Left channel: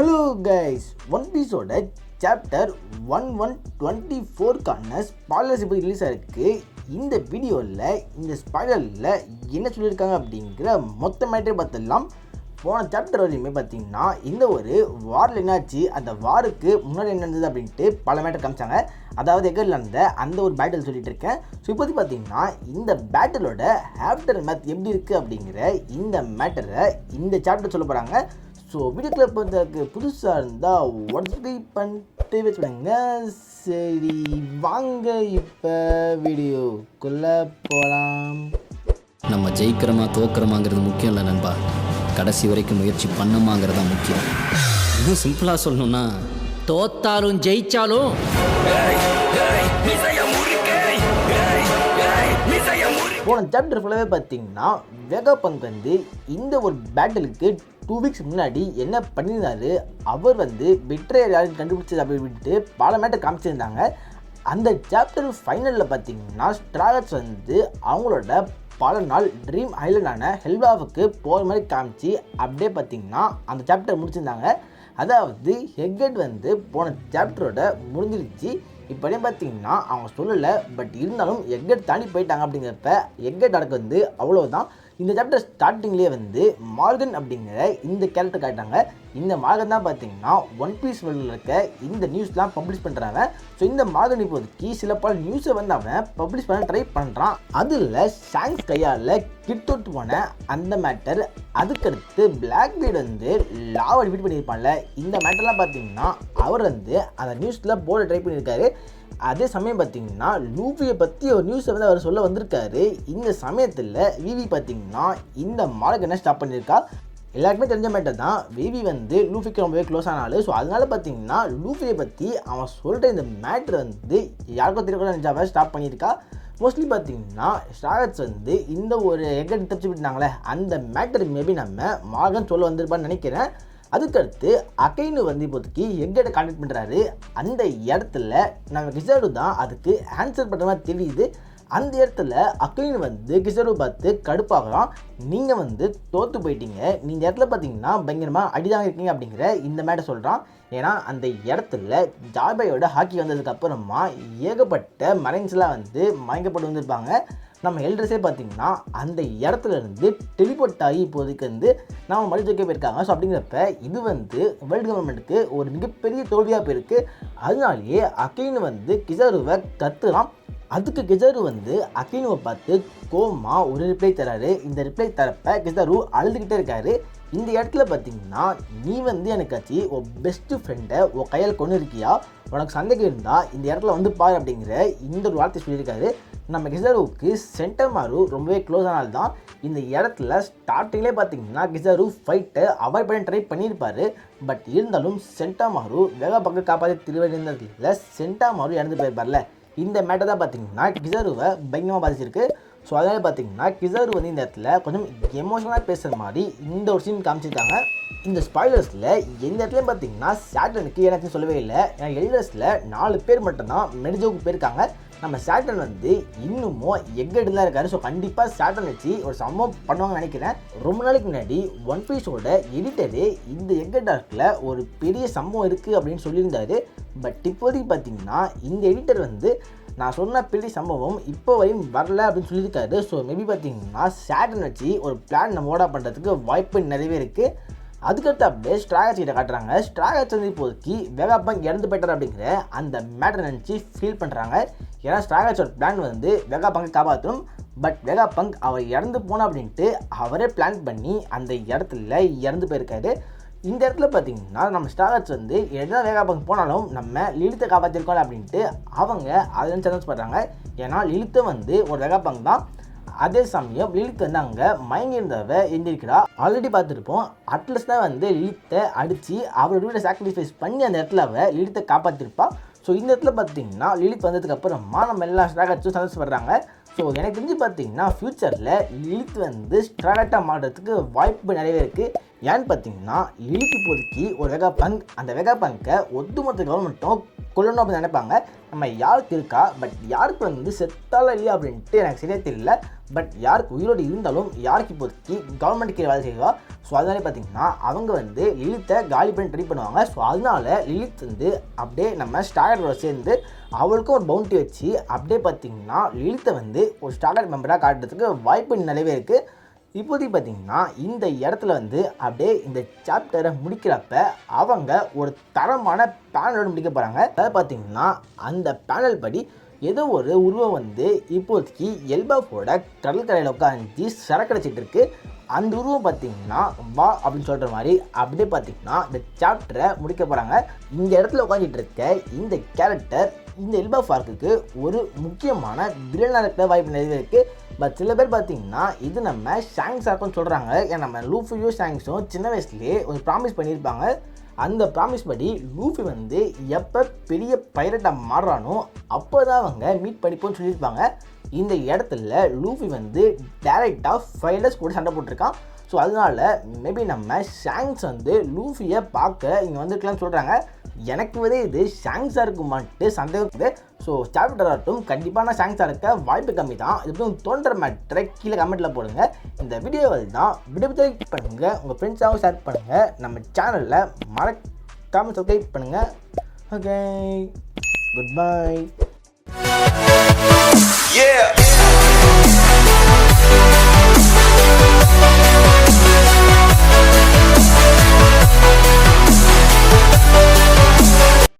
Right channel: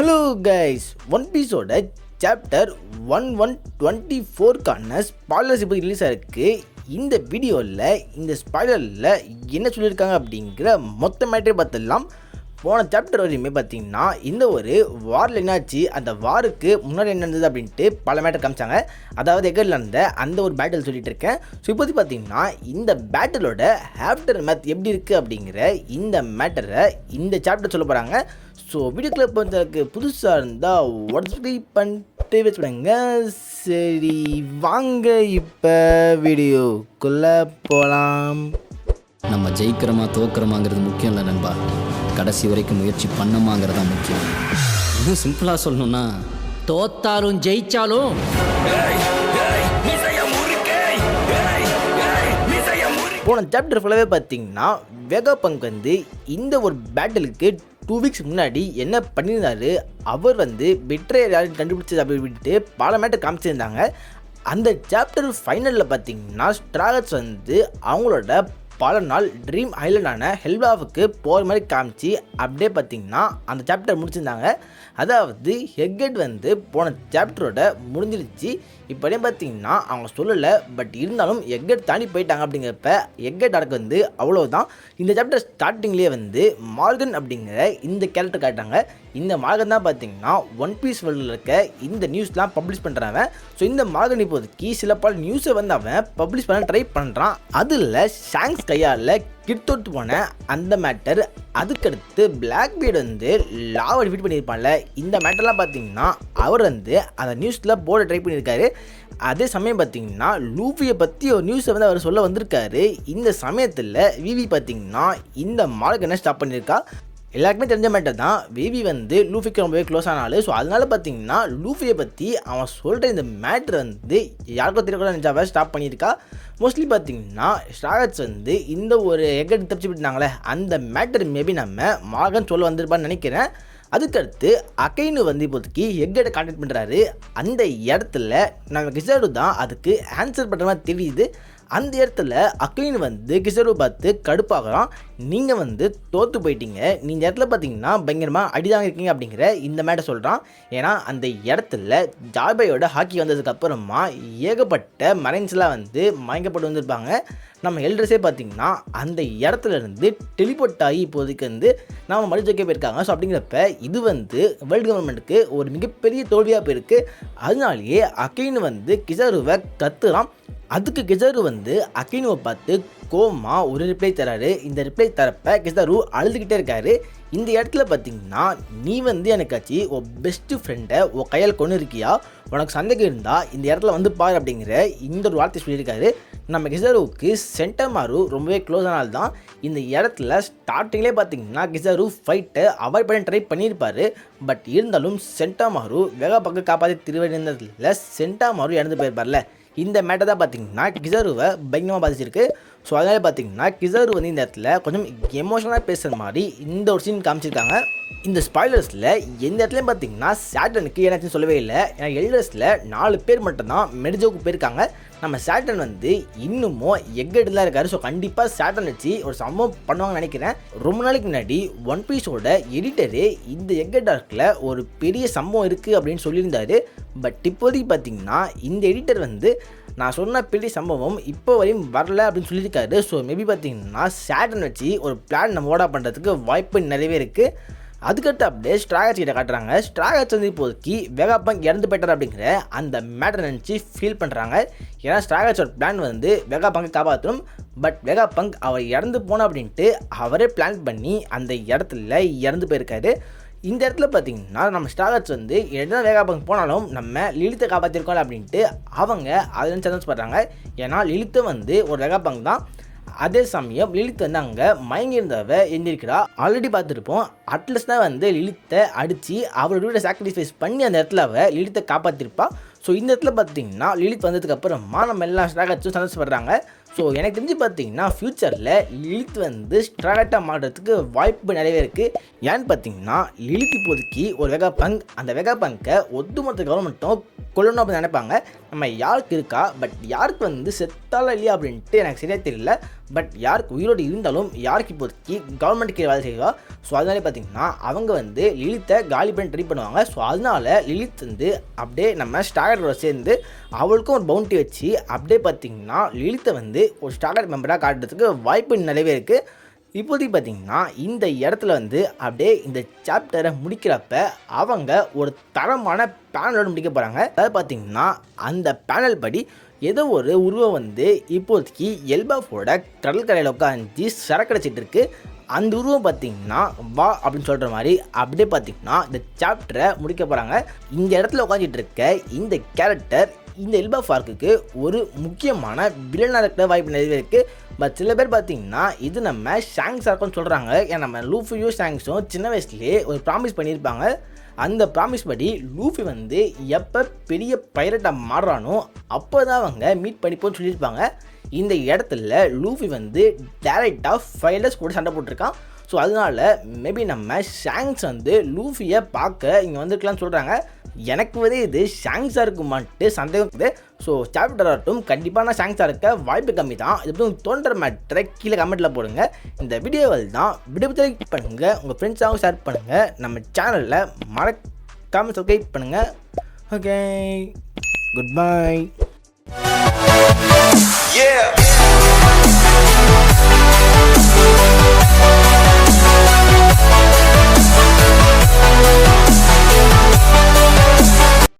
Hello guys, one பீஸோட chapter 1124க்கான spoilers இப்போ ரிலீஸ் ஆகிருக்கு. இந்த வீடியோவில் இந்த ஸ்பாய்லரில் என்ன சொல்லியிருக்காங்க அப்படிங்கிற மொத்த மேட்டரை பார்த்துடலாம். போன சாப்டர் வரையுமே பார்த்தீங்கன்னா இந்த ஒரு வாரில் என்னாச்சு, அந்த வாருக்கு முன்னாடி என்ன நடந்தது அப்படின்ட்டு பல மேட்டர் காமிச்சாங்க. அதாவது எகரில் நடந்த அந்த ஒரு பேட்டில் சொல்லிட்டு இருக்கேன். ஸோ இப்போது பார்த்தீங்கன்னா இந்த பேட்டிலோட ஆஃப்டர் மேத் எப்படி இருக்குது அப்படிங்கிற இந்த மேட்டரை இந்த சாப்டர் சொல்ல போகிறாங்க. ஸோ வீடியோக்குள்ளே இப்போ புதுசாக இருந்தால் சப்ஸ்கிரைப் பண்ணிட்டு வச்சுடுங்க. சரி வாங்க இப்போ வீடியோக்குள்ளே போகலாம். நம்ம ஜெயிக்கிறோமா தோக்கிறோமாங்கிறது முக்கியம் இல்லை நண்பா, கடைசி வரைக்கும் முயற்சி பண்ணமாங்கிறதா முக்கியம். இன்னும் சிம்பிளாக சொல்லணும்னா தோத்தாலும் ஜெயிச்சாலும் போன சாப்டர் ஃபுல்லாகவே பார்த்தீங்கன்னா வெகாபங்க் வந்து இந்த ஒரு பேட்டிலுக்கு 2 வீக்ஸ் முன்னாடி என்ன பண்ணியிருந்தாரு, அவர் வந்து பிட்ரேயர் யாரும் கண்டுபிடிச்சது அப்படி விட்டுட்டு பல மேட்டர் காமிச்சிருந்தாங்க. அந்த சாப்டர் ஃபைனலில் பார்த்தீங்கன்னா ஸ்ட்ராகட்ஸ் வந்து அவங்களோட பல நாள் ட்ரீம் ஐலண்டான ஹெல்பாவுக்கு போகிற மாதிரி காமிச்சு அப்படியே பார்த்தீங்கன்னா அந்த சாப்டர் முடிச்சிருந்தாங்க. அதாவது எக்கெட் வந்து போன சாப்டரோட முடிஞ்சிருச்சு. இப்போதே பார்த்தீங்கன்னா அவங்க சொல்லலை, பட் இருந்தாலும் எக்கெட் தாண்டி போயிட்டாங்க. அப்படிங்கிறப்ப எக்கெட் நடக்க வந்து அவ்வளோதான். இந்த சாப்டர் ஸ்டார்டிங்லேயே வந்து மார்கன் அப்படிங்கிற இந்த கேரக்டர் காட்டாங்க. இந்த மார்கன் தான் பார்த்தீங்கன்னா ஒன் பீஸ் வேர்ல்டில் இருக்க இந்த நியூஸ்லாம் பப்ளிஷ் பண்ணுறாங்க. ஸோ இந்த மார்கன் இப்போதைக்கு சில பல நியூஸை வந்து அவன் பப்ளிஷ் பண்ண ட்ரை பண்ணுறான். அதில் ஷாங்க்ஸ் கையால் கிட்டோட்டு போன அந்த மேட்டர், அதுக்கடுத்து பிளாக் பீட் வந்து லாவை டிஃபீட் பண்ணியிருப்பான்ல, இந்த மேட்டர்லாம் பார்த்தீங்கன்னா அவர் வந்து அந்த நியூஸில் போர்டை ட்ரை பண்ணியிருக்காரு. அதே சமயம் பார்த்தீங்கன்னா லூஃபியை பற்றி ஒரு நியூஸை வந்து அவர் சொல்ல வந்திருக்காரு. இந்த சமயத்தில் விவி பார்த்தீங்கன்னா இந்த மார்கனை ஸ்டாப் பண்ணியிருக்கா. எல்லாருக்குமே தெரிஞ்ச மேட்டர் தான், விவி வந்து லூஃபிக்கு ரொம்பவே க்ளோஸ் ஆனாலும். ஸோ அதனால பார்த்தீங்கன்னா லூஃபியை பற்றி அவன் சொல்கிற இந்த மேட்ரு வந்து யாருக்கும் தெரியக்கூட நினச்சாவே ஸ்டாப் பண்ணியிருக்கா. மோஸ்ட்லி பார்த்தீங்கன்னா ஸ்ட்ராகட்ஸ் வந்து இந்த ஒரு எக்கெட் தப்பிச்சு விட்டுனாங்களே, அந்த மேட்டர் மேபி நம்ம மார்கன் சொல்ல வந்திருப்பான்னு நினைக்கிறேன். அதுக்கடுத்து அகைனு வந்து இப்போதைக்கு எக்கெட்டை கான்டாக்ட் பண்ணுறாரு. அந்த இடத்துல நம்ம கிசாரு தான் அதுக்கு ஆன்சர் பண்ணுற மாதிரி தெரியுது. அந்த இடத்துல அகைனு வந்து கிசாரு பார்த்து கடுப்பாகிறான். நீங்கள் வந்து தோற்று போயிட்டீங்க, நீங்கள் இடத்துல பார்த்தீங்கன்னா பயங்கரமாக அடிதாங்க இருக்கீங்க அப்படிங்கிற இந்த மேட்டை சொல்கிறான். ஏன்னா அந்த இடத்துல ஜார்பையோட ஹாக்கி வந்ததுக்கப்புறமா ஏகப்பட்ட மரைன்ஸ்லாம் வந்து மயங்கப்பட்டு வந்திருப்பாங்க. நம்ம எல்ட்ரஸே பார்த்திங்கன்னா அந்த இடத்துல இருந்து டெலிபோர்ட் ஆகி இப்போதைக்கு வந்து நம்ம மறுஜெயிக்க போயிருக்காங்க. ஸோ அப்படிங்கிறப்ப இது வந்து வேர்ல்டு கவர்மெண்ட்டுக்கு ஒரு மிகப்பெரிய தோல்வியாக போயிருக்கு. அதனாலேயே அகைனு வந்து கிசாருவை கத்துறான். அதுக்கு கிசாரு வந்து அகைனுவை பார்த்து கோமா ஒரு ரிப்ளை தராரு. இந்த ரிப்ளை தரப்ப கிசாரு அழுதுகிட்டே இருக்காரு. இந்த இடத்துல பார்த்தீங்கன்னா நீ வந்து எனக்காச்சு உன் பெஸ்ட்டு ஃப்ரெண்டை உன் கையில் கொண்டு இருக்கியா, உனக்கு சந்தேகம் இருந்தால் இந்த இடத்துல வந்து பாரு அப்படிங்கிற இந்த ஒரு வார்த்தை சொல்லியிருக்காரு. நம்ம கிசாருவுக்கு சென்டமாரு ரொம்பவே க்ளோஸ் ஆனால் தான் இந்த இடத்துல ஸ்டார்டிங்லேயே பார்த்தீங்கன்னா கிசாரு ஃபைட்டை அவாய்ட் பண்ண ட்ரை பண்ணியிருப்பார். பட் இருந்தாலும் சென்டமாரு வெகாபங்கை காப்பாற்றி திருவடிந்ததில் சென்டமாரு இறந்து போயிருப்பார்ல, இந்த மேட்டர் தான் பார்த்தீங்கன்னா கிசாருவை பயங்கரமாக பாதிச்சிருக்கு. ஸோ அதனால பார்த்தீங்கன்னா கிசாரு வந்து இந்த இடத்துல கொஞ்சம் எமோஷனலாக பேசுகிற மாதிரி இந்த ஒரு சீன் காமிச்சிருக்காங்க. இந்த ஸ்பாய்லர்ஸில் எந்த இடத்துலையும் பார்த்தீங்கன்னா சாட்டனுக்கு ஏன்னாச்சும் சொல்லவே இல்லை. ஏன்னா எல்டர்ஸில் 4 பேர் மட்டும்தான் மெர்ஜோவுக்கு போயிருக்காங்க. நம்ம சாட்டன் வந்து இன்னமும் எக்கெட்டு தான் இருக்காரு. ஸோ கண்டிப்பாக சாட்டன் வச்சு ஒரு சம்பவம் பண்ணுவாங்கன்னு நினைக்கிறேன். ரொம்ப நாளைக்கு முன்னாடி ஒன் பீஸோட எடிட்டரு இந்த எக்கெட் ஆர்க்கில் ஒரு பெரிய சம்பவம் இருக்குது அப்படின்னு சொல்லியிருந்தாரு. பட் இப்போதைக்கு பார்த்தீங்கன்னா இந்த எடிட்டர் வந்து நான் சொன்ன பெரிய சம்பவம் இப்போ வரையும் வரல அப்படின்னு சொல்லியிருக்காரு. ஸோ மேபி பார்த்தீங்கன்னா சாட்டன் வச்சு ஒரு பிளான் நம்ம ஓடா பண்ணுறதுக்கு வாய்ப்பு நிறையவே இருக்குது. அதுக்கடுத்து அப்படியே ஸ்ட்ராகட்ஸ் கிட்ட காட்டுறாங்க. ஸ்ட்ராகட்ஸ் வந்து இப்போதைக்கு வெகாபங்க் இறந்து போய்ட்டார் அப்படிங்கிற அந்த மேட்டரை நினச்சி ஃபீல் பண்ணுறாங்க. ஏன்னா ஸ்ட்ராகட்ஸோட பிளான் வந்து வெகாபங்கை காப்பாற்றணும். பட் வெகாபங்க் அவர் இறந்து போனோம் அப்படின்ட்டு அவரே பிளான் பண்ணி அந்த இடத்துல இறந்து போயிருக்காரு. இந்த இடத்துல பார்த்தீங்கன்னா நம்ம ஸ்ட்ராகட்ஸ் வந்து என்ன வெகாபங்க் போனாலும் நம்ம லிலித்தை காப்பாற்றிருக்கோம் அப்படின்ட்டு அவங்க அதை நினச்சி சந்தோஷப்படுறாங்க. ஏன்னா லிலித்தை வந்து ஒரு வெகாபங்க் தான். அதே சமயம் லிலித் வந்து அங்கே மயங்கியிருந்தவ எந்திரிக்கிறா. ஆல்ரெடி பார்த்துருப்போம், அட்லஸ் தான் வந்து லிலித்தை அடித்து அவரோட வீட்டை சாக்ரிஃபைஸ் பண்ணி அந்த இடத்துல அவள் லிலித்தை காப்பாற்றிருப்பா. ஸோ இந்த இடத்துல பார்த்தீங்கன்னா லிலித் வந்ததுக்கப்புறமா நம்ம எல்லா ஸ்ட்ராகட்ஸும் சந்தோஷப்படுறாங்க. ஸோ எனக்கு தெரிஞ்சு பார்த்தீங்கன்னா ஃப்யூச்சரில் லிலித் வந்து ஸ்ட்ராகட்டாக மாறுறதுக்கு வாய்ப்பு நிறையவே இருக்குது. ஏன்னு பார்த்தீங்கன்னா லிலித் இப்போதைக்கு ஒரு வெகாபங்க், அந்த வெகாபங்கை ஒட்டுமொத்த கவர்மெண்ட்டும் கொல்லணும் அப்படின்னு நினைப்பாங்க. நம்ம யாருக்கு இருக்கா, பட் யாருக்கு வந்து செத்தாலும் இல்லையா அப்படின்ட்டு எனக்கு சரியாக தெரியல. பட் யாருக்கு உயிரோடு இருந்தாலும் யாருக்கு இப்போதைக்கு கவர்மெண்ட் கீழே வேலை செய்வா. ஸோ அதனாலே பார்த்திங்கன்னா அவங்க வந்து லிலித்தை காலி பண்ணி ட்ரை பண்ணுவாங்க. ஸோ அதனால லிலித் வந்து அப்படியே நம்ம ஸ்டாகரோட சேர்ந்து அவளுக்கும் ஒரு பவுண்டி வச்சு அப்படியே பார்த்திங்கன்னா லிலித்தை வந்து ஒரு ஸ்டாகர் மெம்பராக காட்டுறதுக்கு வாய்ப்பு நிறையவே இருக்குது. இப்போதைக்கு பார்த்திங்கன்னா இந்த இடத்துல வந்து அப்படியே இந்த சாப்டரை முடிக்கிறப்ப அவங்க ஒரு தரமான பேனலோடு முடிக்க போகிறாங்க. அதாவது பார்த்திங்கன்னா அந்த பேனல் படி ஏதோ ஒரு உருவம் வந்து இப்போதைக்கு எல்பாஃபோட கடற்கரையில் உட்காந்து சரக்கடைச்சிட்டு இருக்கு. அந்த உருவம் பார்த்திங்கன்னா வா அப்படின்னு சொல்கிற மாதிரி அப்படியே பார்த்திங்கன்னா இந்த சாப்டரை முடிக்க போகிறாங்க. இந்த இடத்துல உட்காந்துட்டு இருக்க இந்த கேரக்டர் இந்த எல்பாஃப் ஆர்க்குக்கு ஒரு முக்கியமான வில்லனாக இருக்கிற வாய்ப்பு நிறைய இருக்குது. பட் சில பேர் பார்த்திங்கன்னா இது நம்ம ஷாங்ஸ் ஆர்க்குன்னு சொல்கிறாங்க. ஏன்னா நம்ம லூஃபியும் ஷாங்ஸும் சின்ன வயசுலேயே ஒரு ப்ராமிஸ் பண்ணியிருப்பாங்க. அந்த ப்ராமிஸ் படி லூஃபி வந்து எப்போ பெரிய பைரட்டாக மாறுறானோ அப்போ தான் அவங்க மீட் பண்ணிப்போன்னு சொல்லியிருப்பாங்க. இந்த இடத்துல லூஃபி வந்து டேரெக்டாக ஃபைலர்ஸ் கூட சண்டை போட்டிருக்கான். ஸோ அதனால மேபி நம்ம ஷாங்ஸ் வந்து லூஃபியை பார்க்க இங்கே வந்துருக்கலாம்னு சொல்கிறாங்க. எனக்கு வந்து இது ஷாங்ஸாக இருக்குமான்ட்டு சந்தேகம் இருக்குது. ஸோ சாப்டர் ஆகட்டும் கண்டிப்பான ஷாங்ஸாக இருக்க வாய்ப்பு கம்மி தான். இது தோன்ற மேட்டரை கீழே கமெண்ட்டில் போடுங்க. இந்த வீடியோவில் தான் வீடியோ லைக் பண்ணுங்கள், உங்கள் ஃப்ரெண்ட்ஸாகவும் ஷேர் பண்ணுங்கள், நம்ம சேனலில் மறக்காமல் சப்ஸ்கிரைப் பண்ணுங்கள். Okay, good bye.